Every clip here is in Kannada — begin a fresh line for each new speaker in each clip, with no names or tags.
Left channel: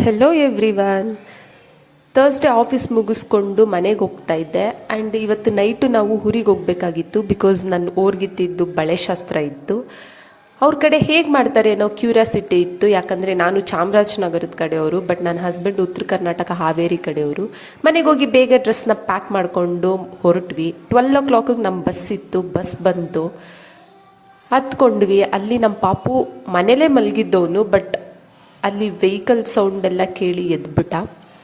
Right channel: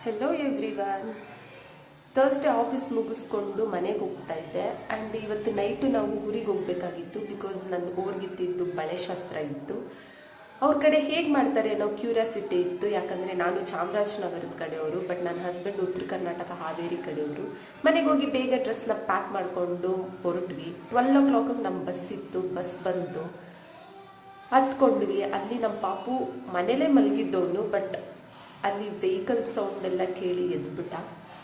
ಹೆಲೋ ಎವ್ರಿವನ್ ಥರ್ಸ್ಡೇ ಆಫೀಸ್ ಮುಗಿಸ್ಕೊಂಡು ಮನೆಗೆ ಹೋಗ್ತಾ ಇದ್ದೆ. ಆ್ಯಂಡ್ ಇವತ್ತು ನೈಟು ನಾವು ಊರಿಗೆ ಹೋಗ್ಬೇಕಾಗಿತ್ತು ಬಿಕಾಸ್ ನನ್ನ ಓರ್ಗಿತ್ತಿದ್ದು ಬಳೆ ಶಾಸ್ತ್ರ ಇತ್ತು. ಅವ್ರ ಕಡೆ ಹೇಗೆ ಮಾಡ್ತಾರೆ ಅನ್ನೋ ಕ್ಯೂರಿಯಾಸಿಟಿ ಇತ್ತು. ಯಾಕಂದರೆ ನಾನು ಚಾಮರಾಜನಗರದ ಕಡೆಯವರು ಬಟ್ ನನ್ನ ಹಸ್ಬೆಂಡ್ ಉತ್ತರ ಕರ್ನಾಟಕ ಹಾವೇರಿ ಕಡೆಯವರು. ಮನೆಗೆ ಹೋಗಿ ಬೇಗ ಡ್ರೆಸ್ನ ಪ್ಯಾಕ್ ಮಾಡಿಕೊಂಡು ಹೊರಟ್ವಿ. ಟ್ವೆಲ್ ಓ ಕ್ಲಾಕಿಗೆ ನಮ್ಮ ಬಸ್ ಇತ್ತು. ಬಸ್ ಬಂತು ಹತ್ಕೊಂಡ್ವಿ. ಅಲ್ಲಿ ನಮ್ಮ ಪಾಪು ಮನೇಲೇ ಮಲಗಿದ್ದವನು ಬಟ್ ಅಲ್ಲಿ ವೆಹಿಕಲ್ ಸೌಂಡ್ ಎಲ್ಲ ಕೇಳಿ ಎದ್ಬಿಟ್ಟ.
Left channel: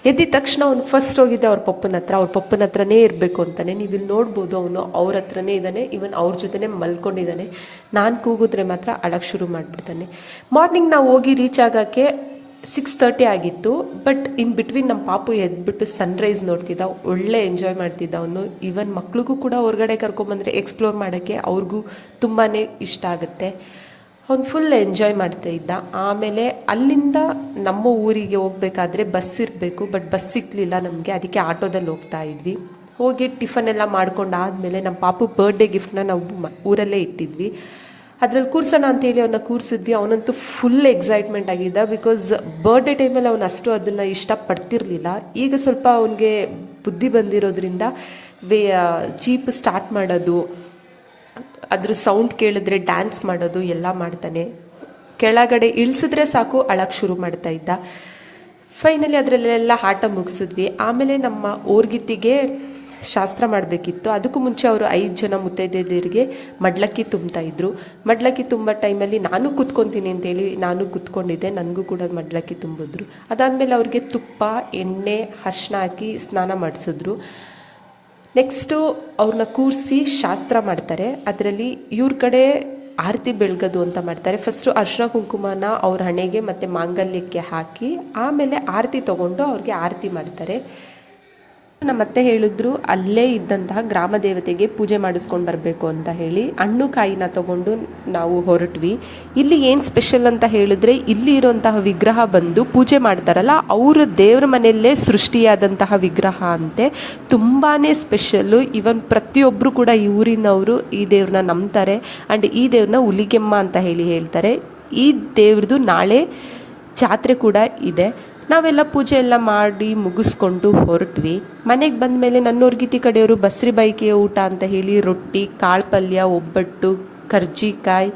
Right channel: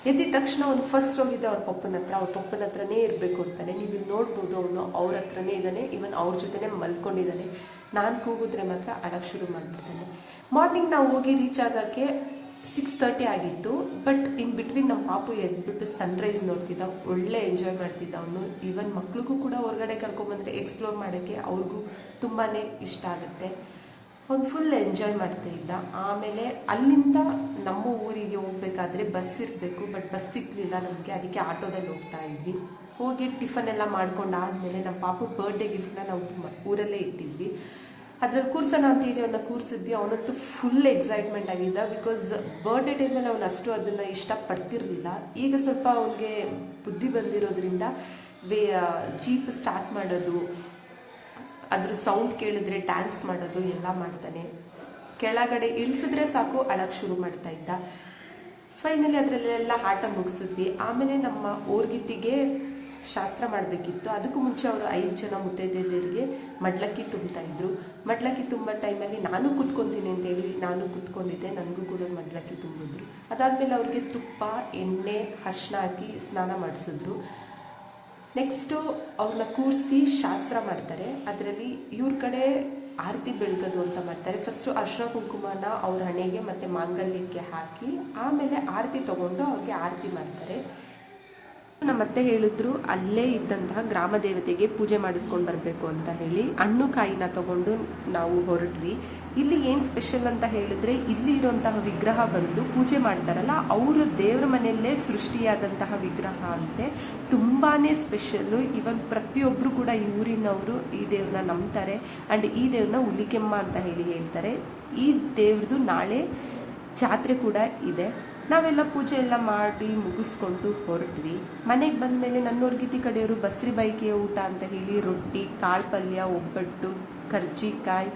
ಎದ್ದಿದ ತಕ್ಷಣ ಅವ್ನು ಫಸ್ಟ್ ಹೋಗಿದ್ದೆ ಅವ್ರ ಪಪ್ಪನ ಹತ್ರ, ಅವ್ರ ಪಪ್ಪನ ಹತ್ರನೇ ಇರಬೇಕು ಅಂತಾನೆ. ನೀವು ಇಲ್ಲಿ ನೋಡ್ಬೋದು, ಅವನು ಅವ್ರ ಹತ್ರನೇ ಇದ್ದಾನೆ ಇವನ್ ಅವ್ರ ಜೊತೆನೇ ಮಲ್ಕೊಂಡಿದ್ದಾನೆ ನಾನು ಕೂಗಿದ್ರೆ ಮಾತ್ರ ಅಳಕ್ಕೆ ಶುರು ಮಾಡಿಬಿಡ್ತಾನೆ. ಮಾರ್ನಿಂಗ್ ನಾವು ಹೋಗಿ ರೀಚ್ ಆಗೋಕ್ಕೆ ಸಿಕ್ಸ್ ತರ್ಟಿ ಆಗಿತ್ತು. ಬಟ್ ಇನ್ ಬಿಟ್ವೀನ್ ನಮ್ಮ ಪಾಪು ಎದ್ಬಿಟ್ಟು ಸನ್ರೈಸ್ ನೋಡ್ತಿದ್ದ. ಒಳ್ಳೆ ಎಂಜಾಯ್ ಮಾಡ್ತಿದ್ದ ಅವನು. ಈವನ್ ಮಕ್ಳಿಗೂ ಕೂಡ ಹೊರಗಡೆ ಕರ್ಕೊಂಬಂದರೆ ಎಕ್ಸ್ಪ್ಲೋರ್ ಮಾಡೋಕ್ಕೆ ಅವ್ರಿಗೂ ತುಂಬಾ ಇಷ್ಟ ಆಗುತ್ತೆ. ಅವ್ನು ಫುಲ್ ಎಂಜಾಯ್ ಮಾಡ್ತಾ ಇದ್ದ. ಆಮೇಲೆ ಅಲ್ಲಿಂದ ನಮ್ಮ ಊರಿಗೆ ಹೋಗ್ಬೇಕಾದ್ರೆ ಬಸ್ ಇರಬೇಕು ಬಟ್ ಬಸ್ ಸಿಕ್ಕಲಿಲ್ಲ ನಮಗೆ. ಅದಕ್ಕೆ ಆಟೋದಲ್ಲಿ ಹೋಗ್ತಾ ಇದ್ವಿ. ಹೋಗಿ ಟಿಫನ್ ಎಲ್ಲ ಮಾಡ್ಕೊಂಡು ಆದಮೇಲೆ ನಮ್ಮ ಪಾಪು ಬರ್ಡೇ ಗಿಫ್ಟ್ನ ನಾವು ಊರಲ್ಲೇ ಇಟ್ಟಿದ್ವಿ. ಅದ್ರಲ್ಲಿ ಕೂರ್ಸೋಣ ಅಂತೇಳಿ ಅವನ್ನ ಕೂರಿಸಿದ್ವಿ. ಅವನಂತೂ ಫುಲ್ ಎಕ್ಸೈಟ್ಮೆಂಟ್ ಆಗಿದ್ದ ಬಿಕಾಸ್ ಬರ್ಡೇ ಟೈಮಲ್ಲಿ ಅವನು ಅಷ್ಟು ಅದನ್ನು ಇಷ್ಟಪಡ್ತಿರ್ಲಿಲ್ಲ. ಈಗ ಸ್ವಲ್ಪ ಅವನಿಗೆ ಬುದ್ಧಿ ಬಂದಿರೋದ್ರಿಂದ, ವೇ ಚೀಪ್ ಸ್ಟಾರ್ಟ್ ಮಾಡೋದು ಅದ್ರ ಸೌಂಡ್ ಕೇಳಿದ್ರೆ ಡ್ಯಾನ್ಸ್ ಮಾಡೋದು ಎಲ್ಲ ಮಾಡ್ತಾನೆ. ಕೆಳಗಡೆ ಇಳಿಸಿದ್ರೆ ಸಾಕು ಅಳಕ್ಕೆ ಶುರು ಮಾಡ್ತಾ ಇದ್ದ. ಫೈನಲಿ ಅದರಲ್ಲೆಲ್ಲ ಆಟ ಮುಗಿಸಿದ್ವಿ. ಆಮೇಲೆ ನಮ್ಮ ಓರ್ಗಿತ್ತಿಗೆ ಶಾಸ್ತ್ರ ಮಾಡಬೇಕಿತ್ತು. ಅದಕ್ಕೂ ಮುಂಚೆ ಅವರು ಐದು ಜನ ಮುತ್ತೈದೆಯರಿಗೆ ಮಡ್ಲಕ್ಕಿ ತುಂಬ್ತಾ ಇದ್ರು. ಮಡ್ಲಕ್ಕಿ ತುಂಬ ಟೈಮಲ್ಲಿ ನಾನು ಕೂತ್ಕೊತೀನಿ ಅಂತೇಳಿ ನಾನು ಕೂತ್ಕೊಂಡಿದ್ದೆ. ನನಗೂ ಕೂಡ ಮಡ್ಲಕ್ಕಿ ತುಂಬಿದ್ರು. ಅದಾದಮೇಲೆ ಅವ್ರಿಗೆ ತುಪ್ಪ, ಎಣ್ಣೆ ಅರ್ಶಿನ ಹಾಕಿ ಸ್ನಾನ ಮಾಡಿಸಿದ್ರು. ನೆಕ್ಸ್ಟು ಅವ್ರನ್ನ ಕೂರಿಸಿ ಶಾಸ್ತ್ರ ಮಾಡ್ತಾರೆ. ಅದರಲ್ಲಿ ಇವ್ರ ಕಡೆ ಆರತಿ ಬೆಳಗೋದು ಅಂತ ಮಾಡ್ತಾರೆ. ಫಸ್ಟು ಅರ್ಶಿನ ಕುಂಕುಮನ ಅವ್ರ ಹಣೆಗೆ ಮತ್ತು ಮಾಂಗಲ್ಯಕ್ಕೆ ಹಾಕಿ, ಆಮೇಲೆ ಆರತಿ ತಗೊಂಡು ಅವ್ರಿಗೆ ಆರತಿ ಮಾಡ್ತಾರೆ. ನಮ್ಮ ಅತ್ತೆ ಹೇಳಿದ್ರು, ಅಲ್ಲೇ ಇದ್ದಂತಹ ಗ್ರಾಮ ದೇವತೆಗೆ ಪೂಜೆ ಮಾಡಿಸ್ಕೊಂಡು ಬರಬೇಕು ಅಂತ ಹೇಳಿ ಹಣ್ಣು ಕಾಯಿನ ತಗೊಂಡು ನಾವು ಹೊರಟ್ವಿ. ಇಲ್ಲಿ ಏನು ಸ್ಪೆಷಲ್ ಅಂತ ಹೇಳಿದ್ರೆ, ಇಲ್ಲಿ ಇರುವಂತಹ ವಿಗ್ರಹ ಬಂದು ಪೂಜೆ ಮಾಡ್ತಾರಲ್ಲ, ಅವರು ದೇವ್ರ ಮನೆಯಲ್ಲೇ ಸೃಷ್ಟಿಯಾದಂತಹ ವಿಗ್ರಹ ಅಂತೆ. ತುಂಬಾ ಸ್ಪೆಷಲ್ಲು ಇವನ್ ಪ್ರತಿಯೊಬ್ಬರು ಕೂಡ ಈ ಊರಿನವರು ಈ ದೇವ್ರನ್ನ ನಂಬ್ತಾರೆ. ಆ್ಯಂಡ್ ಈ ದೇವ್ರನ್ನ ಹುಲಿಗೆಮ್ಮ ಅಂತ ಹೇಳಿ ಹೇಳ್ತಾರೆ. ಈ ದೇವ್ರದ್ದು ನಾಳೆ ಜಾತ್ರೆ ಕೂಡ ಇದೆ. ನಾವೆಲ್ಲ ಪೂಜೆ ಎಲ್ಲ ಮಾಡಿ ಮುಗಿಸ್ಕೊಂಡು ಹೊರಟ್ವಿ. ಮನೆಗೆ ಬಂದ ಮೇಲೆ ನನ್ನೋರ್ಗಿತಿ ಕಡೆಯವರು ಬಸ್ರಿ ಬೈಕಿಯ ಊಟ ಅಂತ ಹೇಳಿ ರೊಟ್ಟಿ ಕಾಳು ಪಲ್ಯ ಒಬ್ಬಟ್ಟು ಕರ್ಜಿಕಾಯಿ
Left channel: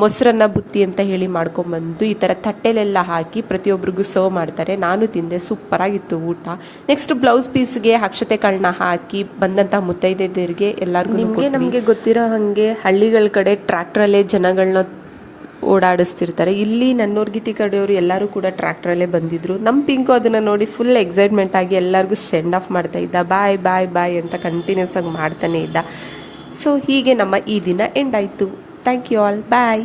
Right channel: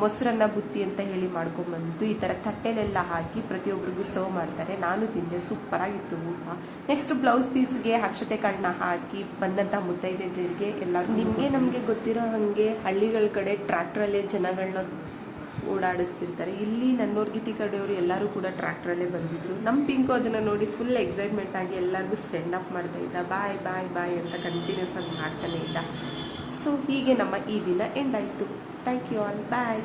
ಮೊಸರನ್ನ ಬುತ್ತಿ ಅಂತ ಹೇಳಿ ಮಾಡ್ಕೊಂಬಂದು ಈ ಥರ ತಟ್ಟೆಲೆಲ್ಲ ಹಾಕಿ ಪ್ರತಿಯೊಬ್ಬರಿಗೂ ಸರ್ವ್ ಮಾಡ್ತಾರೆ. ನಾನು ತಿಂದೆ ಸೂಪರಾಗಿತ್ತು ಊಟ. ನೆಕ್ಸ್ಟ್ ಬ್ಲೌಸ್ ಪೀಸ್ಗೆ ಅಕ್ಷತೆ ಕಳ್ಳನ ಹಾಕಿ ಬಂದಂತಹ ಮುತ್ತೈದೆಯರಿಗೆ ಎಲ್ಲರಿಗೂ ನಿಮಗೆ ನಮಗೆ ಗೊತ್ತಿರೋ ಹಾಗೆ ಹಳ್ಳಿಗಳ ಕಡೆ ಟ್ರ್ಯಾಕ್ಟ್ರಲ್ಲೇ ಜನಗಳನ್ನ ಓಡಾಡಿಸ್ತಿರ್ತಾರೆ. ಇಲ್ಲಿ ನನ್ನೋರ್ಗಿತಿ ಕಡೆಯವರು ಎಲ್ಲರೂ ಕೂಡ ಟ್ರ್ಯಾಕ್ಟ್ರಲ್ಲೇ ಬಂದಿದ್ರು. ನಮ್ಮ ಪಿಂಕು ಅದನ್ನು ನೋಡಿ ಫುಲ್ ಎಕ್ಸೈಟ್ಮೆಂಟ್ ಆಗಿ ಎಲ್ಲರಿಗೂ ಸೆಂಡ್ ಆಫ್ ಮಾಡ್ತಾ ಇದ್ದ. ಬಾಯ್ ಬಾಯ್ ಬಾಯ್ ಅಂತ ಕಂಟಿನ್ಯೂಸ್ ಆಗಿ ಮಾಡ್ತಾನೆ ಇದ್ದ. ಸೊ ಹೀಗೆ ನಮ್ಮ ಈ ದಿನ ಎಂಡ್ ಆಯಿತು. Thank you all bye